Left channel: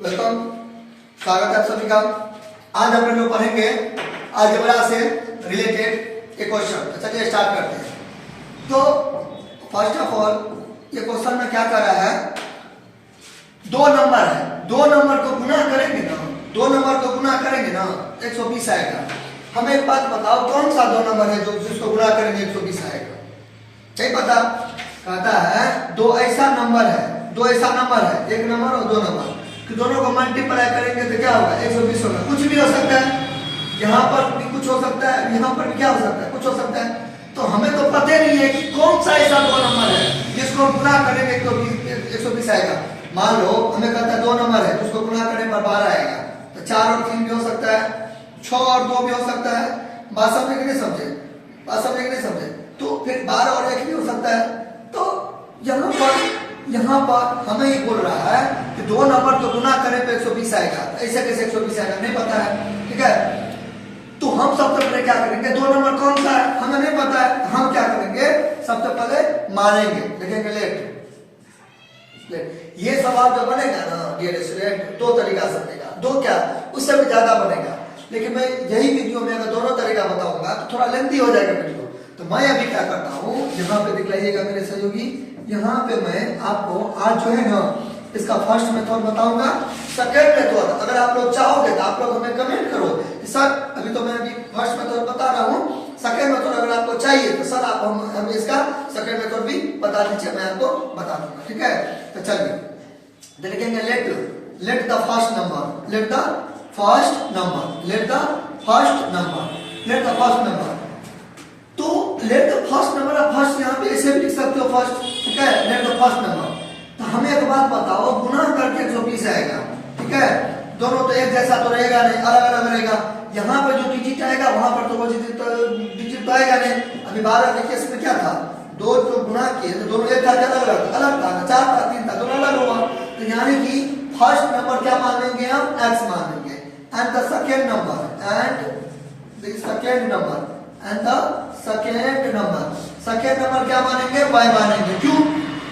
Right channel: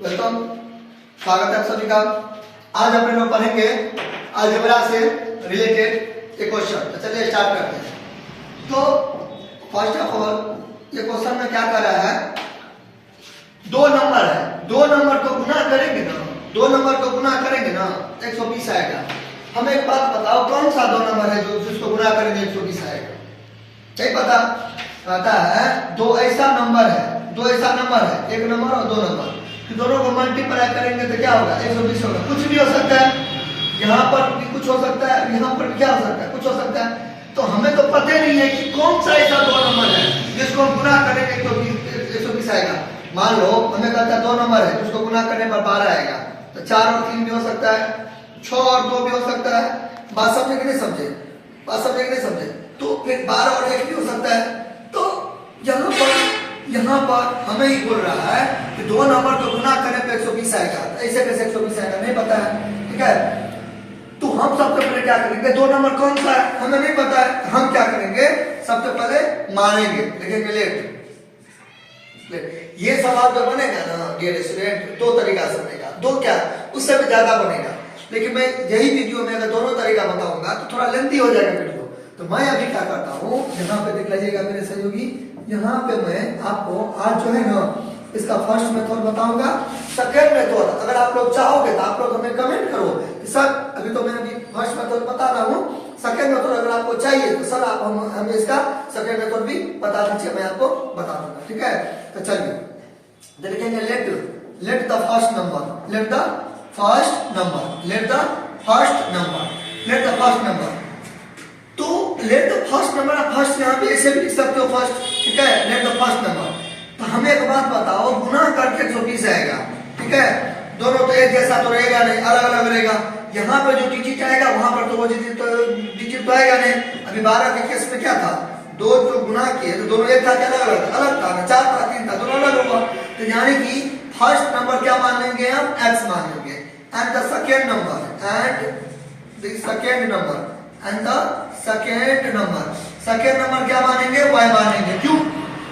Welcome, स्वागत है आप सभी का। आज हम लोग पढ़ेंगे अलजेब्रा से रिलेटेड एक क्वेश्चन। तो चलिए स्टार्ट करते हैं। तो फर्स्ट ऑफ ऑल ये क्वेश्चन में क्या कर रहा है, दो नंबर है, दो नंबर को गुना करेंगे ना, दो नंबर को गुना करेंगे ना 120 आएगा। हमें एक बात बताओ, कौन सा दो नंबर है जो जिसको गुना करेंगे 120 आएगा? नहीं पता। कहता है दो ऐसा नंबर है, दो ऐसा नंबर है, एक नंबर और दो नंबर, कि दोनों को मल्टीप्लाई करेंगे तो क्या होगा? 120 होगा। कुछ भी हो सकता है, यहाँ पर भी कुछ हो सकता है, यहाँ पर भी क्या हो सकता है? कुछ हो सकता है। तो हमें तो पता नहीं है कि कौन सा ऐसा दो नंबर है जिसको हम गुना करेंगे तो 120 आएगा। मान लो हमें कहता है दो नंबर है जिसको गुना करने पर 12 आएगा, तो 4 और 3 भी हो सकता है, 6 और 2 भी हो सकता है। बात समझे कि नहीं समझे? बात समझे कि नहीं समझे? तो फिर 12 और 1 भी हो सकता है। तो यहाँ पर हमें ही बोल रहा है कि दो नंबर को गुना करें तो 120 आएगा। ऐसे कैसे 120 आएगा? नहीं पता है, ठीक है। तो हम सबसे पहले क्या करेंगे, दो नंबर कौन सा है हमें नहीं पता है, हम क्या करेंगे, सबसे पहले मानेंगे, लिखेंगे लेट। ये सवाल जो बनेगा ना डियर स्टूडेंट, दो तरीका से बनेगा, दो क्या उससे भी ज्यादा बनेगा। लेकिन मैं यही वीडियो में अगर दोनों तरीका बताऊंगा तो थोड़ा लेंथी हो जाएगा वीडियो। तो मैं अभी क्या करता हूँ, यहाँ पे देख लीजिएगा मेरे सहयोगी, यहाँ पे मैं आपको आज जो है ना इसका फर्स्ट मेथड बताऊंगा, सेकंड मेथड अगर आप लोग चाहोगे तो आप लोग हमें कमेंट करो कि सर अभी तो मैं अभी फर्स्ट मेथड बता रहा हूँ, सेकंड मेथड अगर आपको चाहिए तो सर आप हमें इसका सेकंड मेथड भी बता दीजिए, मैं आपको बता दूंगा, ठीक है। तो चलिए देखेंगे, let the first number, let the first number, let the first number, let the first number. तो लेट द फर्स्ट नंबर, आप फर्स्ट यहाँ पे ऐसे भी लिख सकते हो फर्स्ट, ठीक है, लेट द फर्स्ट नंबर। तो हमें एक बात बताओ, गुना करके 120 आएगा, ठीक है। दोनों तो एक जैसा तो रहेगा नहीं, अलग अलग रहेगा। यहाँ पे जो डिजिट आएगा वहां पर तो वो डिजिट तो आएगा नहीं। अभी 12 के केस में क्या था, दो जो गुना किए तो दोनों एक था, क्या अलग अलग था? अलग था, 4 था, 3 था, दोनों अलग होगा। तो यानी कि फर्स्ट नंबर क्या मानेंगे हम? x मानेंगे, and the second number, and the second number, and the second number, second number क्या मानेंगे? y मानेंगे। क्यों?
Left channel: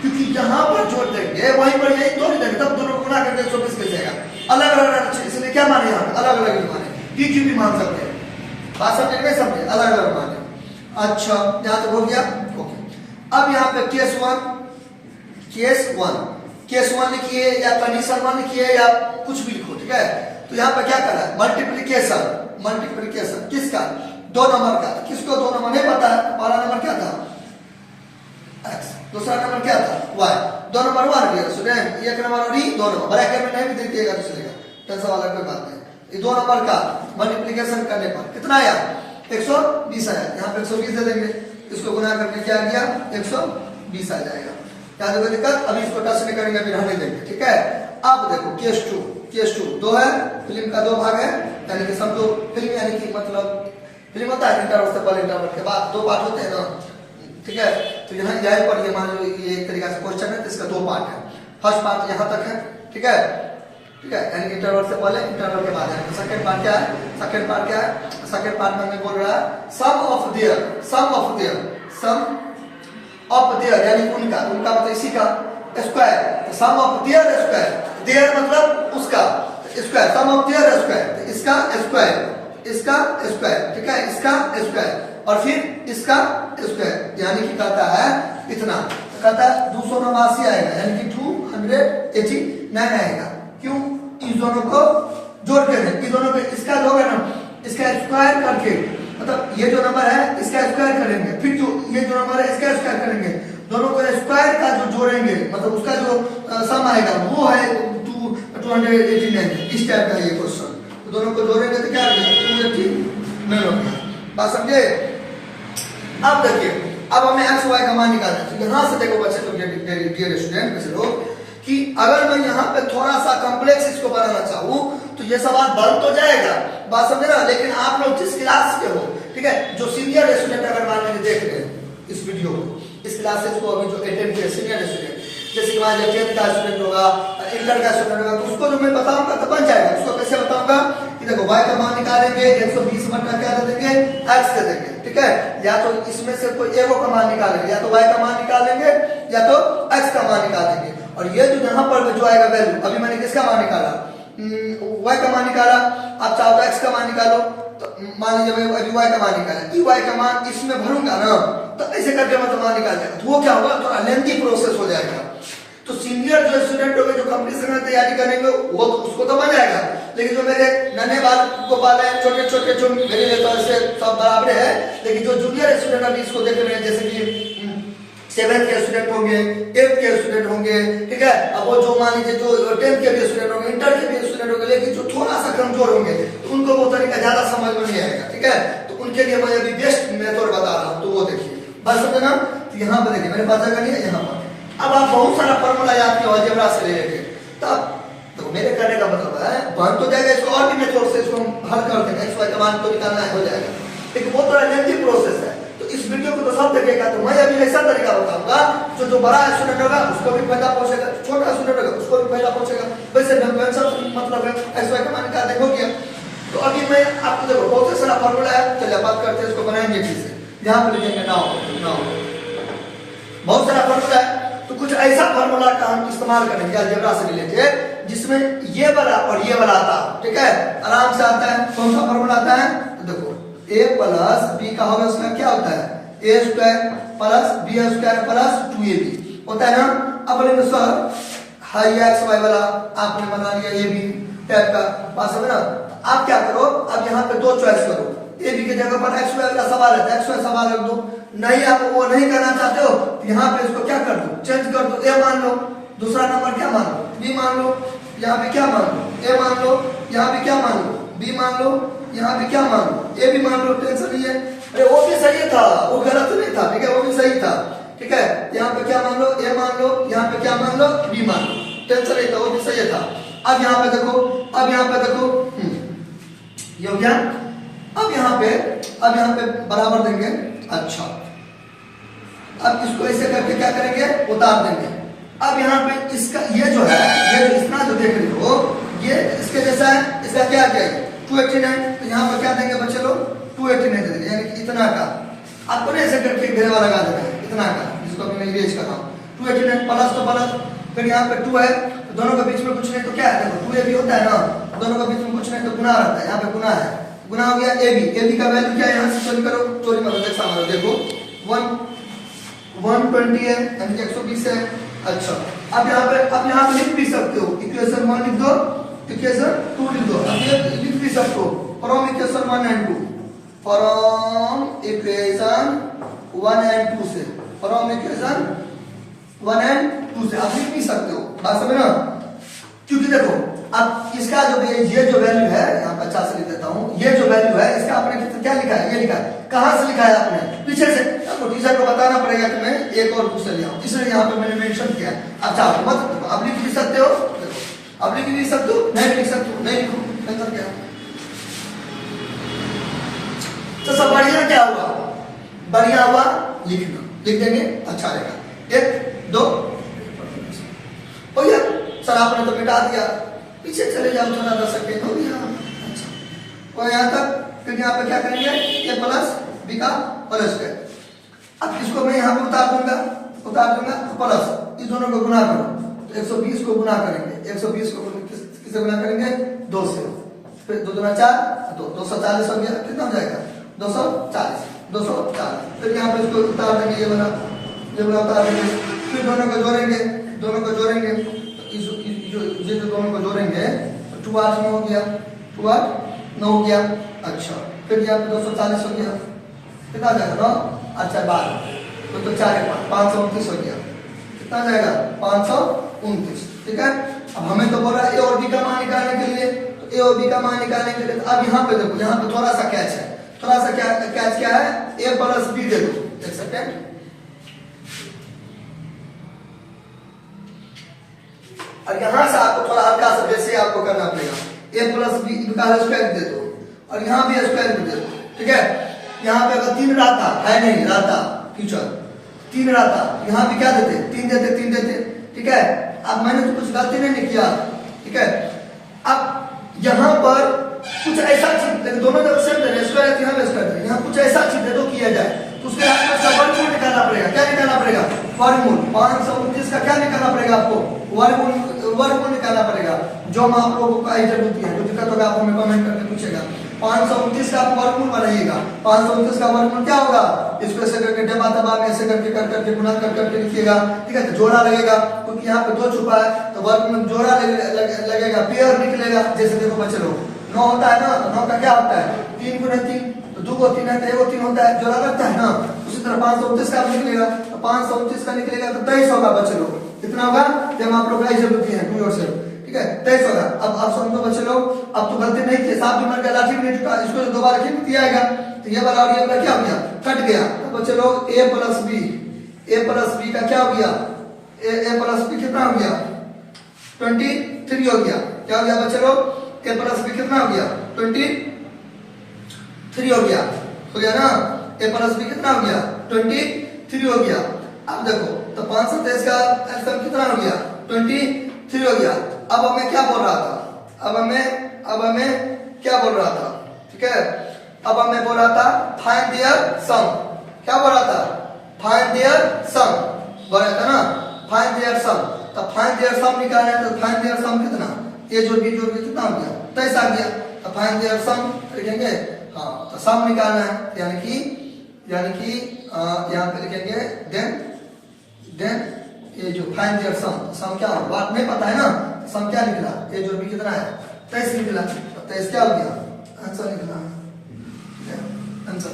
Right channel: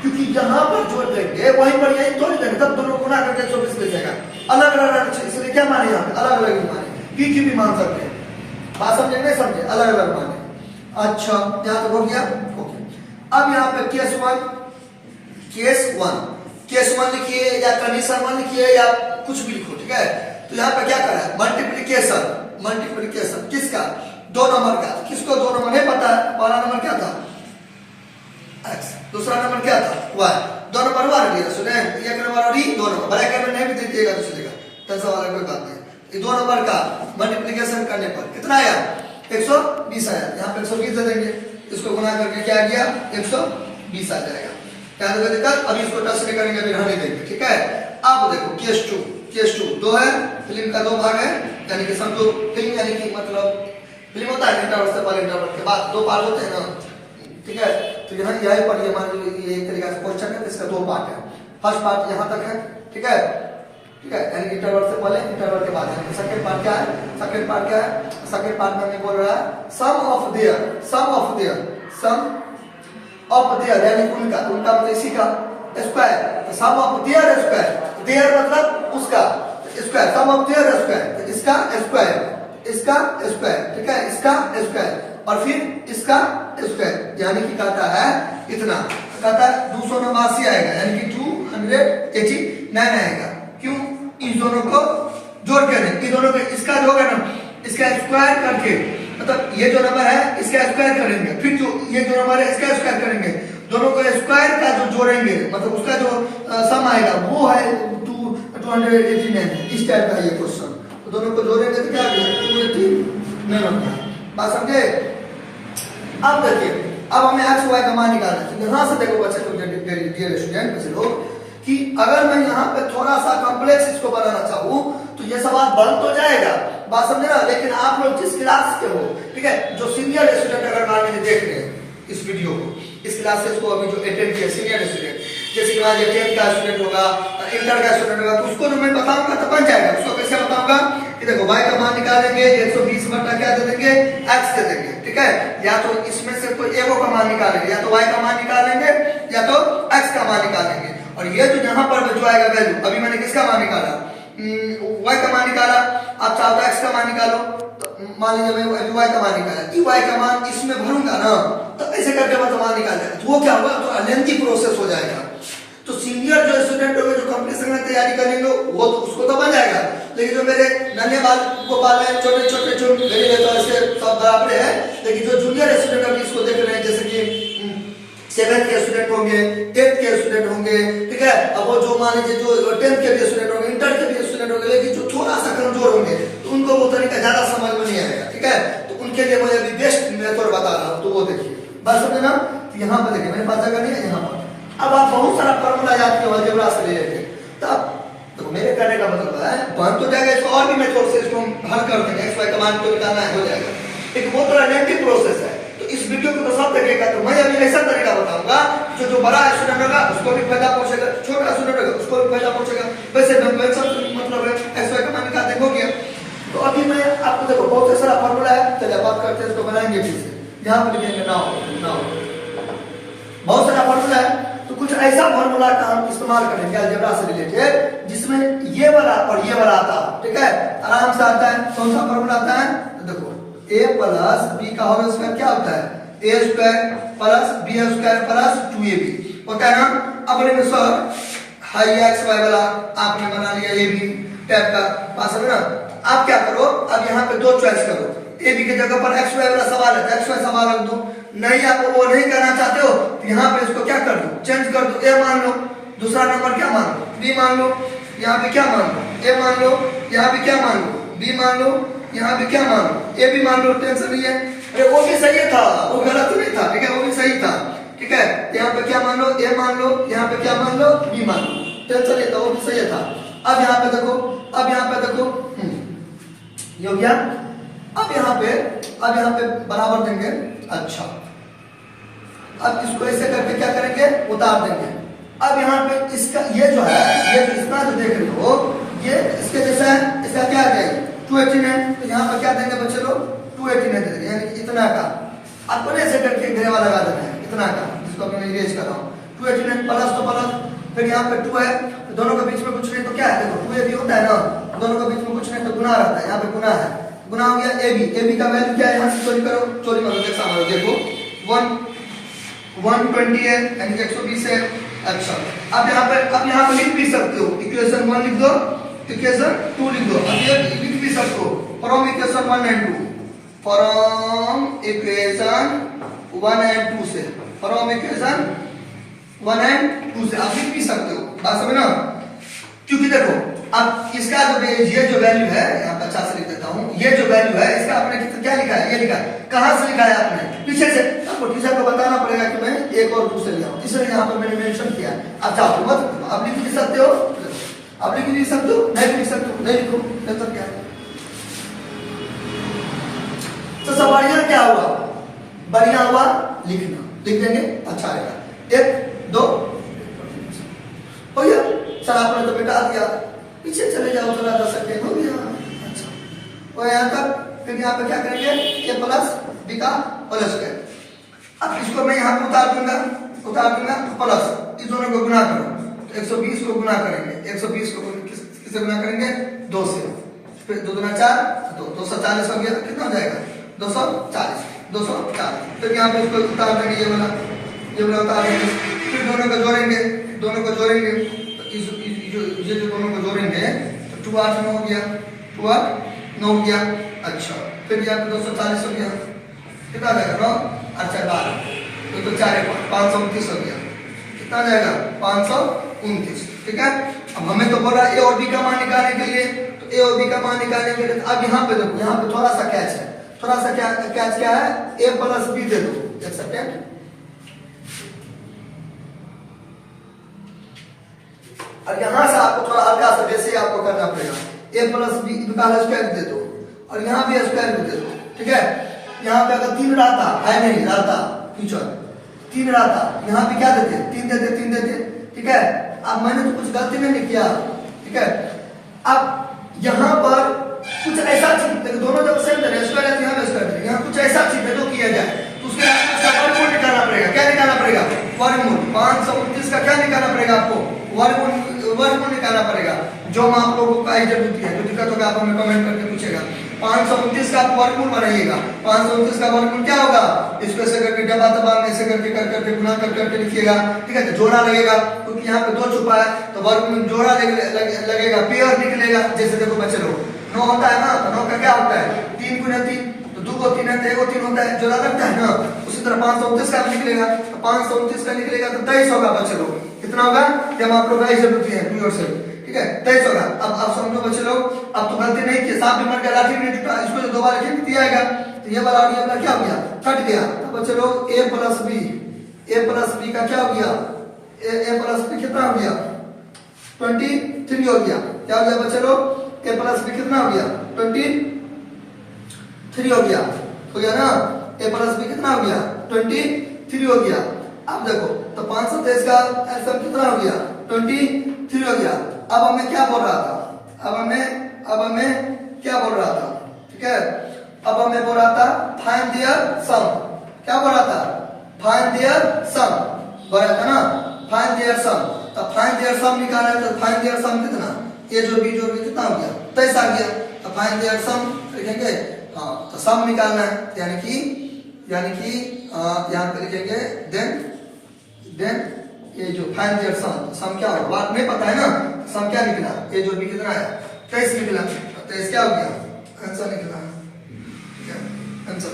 क्योंकि यहाँ पर जोड़ देंगे वहीं पर यही तोड़ देंगे, तब दोनों गुना करके 120 मिल जाएगा। अलग अलग इसलिए क्या माने? अलग अलग ही माने, PQ भी मान सकते हैं। बात समझे नहीं समझे? अलग अलग माने। अच्छा, यहाँ तक हो गया, ओके। अब यहाँ पे केस वन लिखिए या कंडीशन 1 लिखिए या कुछ भी लिखो, ठीक है। तो यहाँ पे क्या करा है? मल्टीप्लीकेशन किसका? दो नंबर का। किसको दो नंबर नहीं पता है? पहला नंबर क्या था? x, दूसरा नंबर क्या था? y। दो नंबर हुआ ना स्टूडेंट, एक नंबर और दो नंबर, ब्रैकेट में नहीं भी दे दिएगा दूसरे का, टेंशन वाला कोई बात नहीं। ये दो नंबर का मल्टीप्लिकेशन करने पर कितना आया? 120 आया। यहाँ पे 120 दे देंगे, इसको गुना करके क्या गया? 120 आ जाएगा। क्या देखो दिक्कत? अभी इसको टच नहीं करेंगे, अभी रहने देंगे, ठीक है। अब देखो केस टू दो है, फिल्म का दो भाग है, यानी कि समझो फिल्म, यानी कि मतलब फिल्म होता है इंटरवल से पहले, इंटरवल के बाद दो पार्ट होते हैं ना, ठीक है। तो यहाँ यही पढ़िए, मान लो ये एक तरीका से क्वेश्चन है, तो इसका दो पार्ट है। फर्स्ट पार्ट यहाँ तक है, ठीक है, ठीक है, यानी इंटरवल से पहले, इंटरवल के बाद। यानी सेकंड पार्ट क्या है? सेकंड पार्ट क्या है? सेकंड पार्ट में हमें बोल रहा है सम ऑफ देयर, यानी उनका मतलब इसी का square, sum of their square, their मतलब उसका square, sum of their square, तो इसका स्क्वायर, इसका स्क्वायर, ठीक है, इसका स्क्वायर और फिर इसका स्क्वायर, यानी कि कहता है इतना, तो कहता है 289 आएगा, यानी कि 289 आएगा। क्यों? इस दोनों को जोड़ के, इन दोनों के इसका जो है ना, इसका स्क्वायर करके, मतलब ये जो नंबर है इसका स्क्वायर करेंगे, फिर जो ये जो नंबर है इसका स्क्वायर करेंगे, दोनों को स्क्वायर का जो जोड़ेंगे, मतलब उसका जो सम आएगा वो है 289। इस टाइप का ये क्वेश्चन, तो दोनों को जोड़ेंगे तो क्या आएगा? 289 होगा। बात समझे? अब देखिए, अब हमें एक्स वाई का मान निकालना है। यहाँ से देखो बच्चे लोग, डियर स्टूडेंट कैसे लोग, कि अगर मैं यहाँ पे थोड़ा सा कॉम्प्लेक्स इसको बनाना चाहूँ तो ये सवाल बन तो जाएगा, बात समझे ना। लेकिन आप लोग जिस क्लास के हो, ठीक है, जो सीनियर स्टूडेंट अगर मान लीजिए देख रहे हैं इस वीडियो को, इस क्लासेस को अभी जो अटेंड किया सीनियर स्टूडेंट, जैसे कि मान लीजिए 10th का स्टूडेंट होगा, इंटर का स्टूडेंट होगा, तो उसको जो मैं बताऊंगा तो बन जाएगा। उसको कैसे बताऊंगा कि देखो y का मान निकालेंगे, 120 बटा क्या दे देंगे? x दे देंगे, ठीक है। या तो इसमें से कोई एगो का मान निकालेंगे, या तो y का मान निकालेंगे या तो x का मान निकालेंगे। और ये जो यहाँ पर जो आएगा वैल्यू, अभी मैंने किसका मान निकाला? y का मान निकाला, आप चाहो तो x का मान निकालो, तो मान लीजिए मैं अभी y का मान निकाला, y का मान इसमें भरूंगा ना, तो ऐसे करके मतलब मान निकाल जाएगा, तो वो क्या होगा, तो लेंथी प्रोसेस हो जाएगा। तो सीनियर जो स्टूडेंट होंगे जो कंपटीशन में तैयारी करेंगे वो तो उसको तो बन जाएगा, लेकिन जो मेरे नन्हे बाल को पाला है, छोटे छोटे जो मेरे तो ऐसे सब बराबर है, लेकिन जो जूनियर स्टूडेंट अभी इसको देख रहे हैं, जैसे कि 7th के स्टूडेंट होंगे, 8th के स्टूडेंट होंगे, ठीक है, अब वो जो मान लीजिए जो 10th के भी स्टूडेंट होंगे, इंटर के भी स्टूडेंट होंगे, लेकिन जो थोड़ा सा कमजोर होंगे तो उनको वो तरीका ज्यादा समझ में नहीं आएगा, ठीक है, तो उनके लिए मैं अभी बेस्ट मेथड बता रहा हूँ, तो वो देखिए बस समझे ना। तो यहाँ पर देखिए मेरे पास जगह नहीं है, यहाँ पर अब आप बहुत सारा फॉर्मूला याद किया अलजेब्रा से रिलेटेड, तब तो मेरे कहने का मतलब है बन तो जाएगा, इसको और भी मेथड से इसको हम हल कर देंगे, एक्स वाई का मान को निकालना हो जाएगा, लेकिन वो तो लेंथी प्रोसेस है। तो इस वीडियो को तो सब देखेगा, तो मैं अभी ऐसा तरीका बताऊंगा जो बड़ा स्टूडेंट होगा उसको भी फायदा पहुंचेगा, छोटा स्टूडेंट होगा उसको भी फायदा पहुंचेगा। वैसे कन्वेंशन मतलब है एक्स वाई का मान निकाल देखो गया। तो अभी मैं आपको देखो बहुत सारा फॉर्मूला है, चलिए बात करते हैं, इसको बनाएंगे ठीक से, यहाँ पर लिखेंगे नाउ, बहुत सारा फॉर्मूला है, तो कुछ ऐसा फॉर्मूला का हम इस्तेमाल करेंगे अलजेब्रा से रिलेटेड जिसमें ये वाला और ये वाला आता है, ठीक है, आराम से आता है। कौन सा फॉर्मूला आता है, तो देखो a प्लस बी का होल स्क्वायर क्या होता है, a square plus B square plus 2ab होता है ना। अब लेंगे सर हाई एक्स वाई वाला आपने बना लिया ए बी टाइप का पास है ना, आप क्या करो, अब यहाँ पे दो चॉइस करो, ए बी की जगह पर एक्स वाई वाला सवाल है, एक्स वाई सवाल रख दो, नहीं आप वो नहीं करना चाहते हो तो यहाँ पे इसको क्या कर दो, चेंज कर दो, ए मान लो, दूसरा नंबर क्या मान लो, बी मान लो, यहाँ पे क्या मान लो, ए मान लो, यहाँ पे क्या मान लो, बी मान लो, यहाँ पे क्या मान लो, ए भी मान लो, टेंशन नहीं है। अरे वो भी सही था, वो गलत नहीं था, ठीक है, वो भी सही था, ठीक है, यहाँ पे क्या मान लो, ए मान लो, यहाँ पे क्या मान लो, बी मान लो, टेंशन नहीं था, वो भी सही था। अब यहाँ पे देखो, अब यहाँ पे देखो, ये हो गया। अब यहाँ पे बराबर देंगे, अच्छा अब इसको ऐसे करके क्या करेंगे, उतार देंगे। अब यहाँ पे इसका ये जो है, ये जो इतना जो देख रहे हो ये इसके जैसा है, इसका क्या आ जाएगा 218 है, तो यहाँ पर क्या देंगे बच्चे लोग 218 दे देंगे, यानी इतना का आपको ऐसे करके घेरा लगा देना है, इतना का, जिसको मैं इरेज कर रहा हूँ 218 प्लस तो प्लस, फिर यहाँ पे 2 है, तो दोनों के बीच में कुछ नहीं तो क्या है, देखो 2ab होता है ना, दोनों के बीच में कुछ नहीं तो गुना रहता है, यहाँ पे गुना है, गुना हो गया ab का वैल्यू क्या है, यहाँ से चोरी करो, चोरी करो, देखो 120 है यानी 120 है। अच्छा अब यहाँ पे लिख भी सकते हो, इक्वेशन 1 लिख दो, इक्वेशन 2 लिख दो, अब ये लिख भी सकते हो from equation 1 and 2, from equation 1 and 2 से, फ्रॉम इक्वेशन 1 एंड 2 से आप लिख भी सकते हो, बात समझ ना। क्योंकि देखो अब इसका जो ये जो वैल्यू है, यहाँ 50 लिख देता हूँ, ये जो वैल्यू है इसका आपने क्या लिखा है, ये लिखा है, कहाँ से लिखा है आपने, पीछे से, आपको टीचर को बताना पड़ेगा कि मैं एक और दूसरे लिया हूँ, इसलिए यहाँ पे मैंने मेंशन किया। अब चाहो मत आप लिख भी सकते हो, आप लिख भी सकते हो, नहीं भी लिख सकते हो, नहीं लिखो मतलब क्या है। तो सब बढ़िया क्या हुआ, बढ़िया हुआ लिखना, लिख देंगे अच्छा रहेगा। 1 2 हो गया सर, आपने तो मिटा दिया, पीछे चले जाओ थोड़ा 10 सेकेंड हो गया। अच्छा और यहाँ तक, फिर यहाँ पे क्या करेंगे, ए प्लस बी का प्लस है। अब इसको मैं यहाँ पे उतार दूंगा प्लस, इस दोनों को गुना करो, तो 120 को गुना करेंगे, 120 को किससे गुना करेंगे, 2 से, फिर 2 दूना 4, 240 हो गया, कितना हो जाएगा 240, फिर यहाँ पे इसको उतार देंगे, ये वाला उतार देंगे, फिर दोनों को जोड़ेंगे, ये जो दोनों को जोड़ेंगे तो 2 8 9 हो गया, 2 8 9 हो गया। अच्छा फिर यहाँ पे 240 हो गया, कितना जाएगा 9, अच्छा 12, तो 4 529 हो गया, कितना जाएगा 529, ठीक है। अब हमें तो बोला ए और बी का मान निकालने के लिए, तो ए और बी का मान निकालने के लिए अब यहाँ पे देखो, यहाँ पे थोड़ा सा कैच है, थोड़ा सा कैच क्या है, ए प्लस बी दे दो, एक सेकेंड, और यहाँ से आपको थोड़ा हल्का सा वैसे आपको करना पड़ेगा, ए प्लस बी का स्क्वायर दे दो और यहाँ भी स्क्वायर दे दो, ठीक है। यहाँ पे अगर 3 रहता है, नहीं रहता टीचर 3 रहता, यहाँ पे क्या देते 3 देते, ठीक है। अब मैंने तो कुछ गलती नहीं किया, ठीक है। अब यहाँ पर कुछ ऐसा चीज, देखो दोनों जब सेम थे, स्क्वायर है यहाँ पे स्क्वायर है, यहाँ कुछ ऐसा चीज है जो किया जाए, तो उसके आपको वर्गमूल निकालना पड़ेगा, क्या निकालना पड़ेगा, वर्गमूल 529 का क्या निकालना पड़ेगा आपको, वर्गमूल निकालना पड़ेगा। जो हम आप लोगों को जरूरत है, कोई दिक्कत होगा आप हमें कमेंट करके पूछेगा। 529 का वर्गमूल बनाइएगा। 529 का वर्गमूल क्या होगा, इसको ऐसे करके डबा दबा में ऐसे करके कर करके गुना कर करके लिखिएगा, ठीक है। तो जोड़ा लगेगा क्योंकि यहाँ पे 2 छुपा है, तो वर्गमूल जोड़ा लगेगा, पेयर निकलेगा। जैसे देखो बच्चे लोग 9 होता है ना, तो 9 का क्या होता है 3 गुना 3, तो 2 को 3 है तो 1 को 3 होता है, जोड़ा लगता है ना। उसी तरह 529 का निकलेगा, तो 529 का निकलेगा तो 23 होगा बच्चे लोग। कितना होगा जब आप लोग ऐसे बुद्धि है टू योरसेल्फ, ठीक है 23 होगा। अब समझो बच्चे लोग, अब तो गलती नहीं थी, सांप भी मर गया लाठी भी नहीं टूटा, इसको जो दोबारा लिख दिया आएगा, तो ये वाला और ये वाला क्या हो गया, कट गया। तो बच्चे लोग a प्लस बी का क्या हो गया, a प्लस बी कितना हो गया 23 हो गया। क्या हो गया बच्चे लोग, a प्लस बी कितना हो गया 23 हो गया ना। a प्लस बी कितना हो गया 23 हो गया। अब देखो तो 523 का एलसीएम कितना हो गया 23 हो गया। अब हमें क्या बोल रहा था, अब हमें क्या बोल रहा था, ठीक है। अब हमें बोल रहा था फाइंड देयर सम, क्या बोल रहा था, फाइंड देयर सम बोल रहा था ना, फाइंड देयर सम। तो फाइंड देयर सम निकालना है, तो फाइंड देयर सम कितना, ये जो भी कितना हो गया 23 आ गया। तो फाइंड देयर सम लिखेंगे, हाँ तो सम निकालना है, यानी कि यहाँ पे लिखेंगे देन ये जो फाइंड देयर सम क्या होगा, बात नहीं पता है ना, सम क्या निकला, ये जो भी कितना है 23 निकला। 23 क्या हो गया आंसर निकला, आंसर।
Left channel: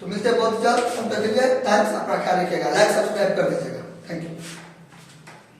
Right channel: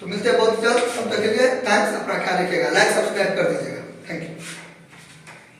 तो मिलते हैं बहुत जल्द, तब तक के लिए थैंक्स, अपना ख्याल रखिएगा, लाइक सब्सक्राइब कर दीजिएगा, थैंक यू।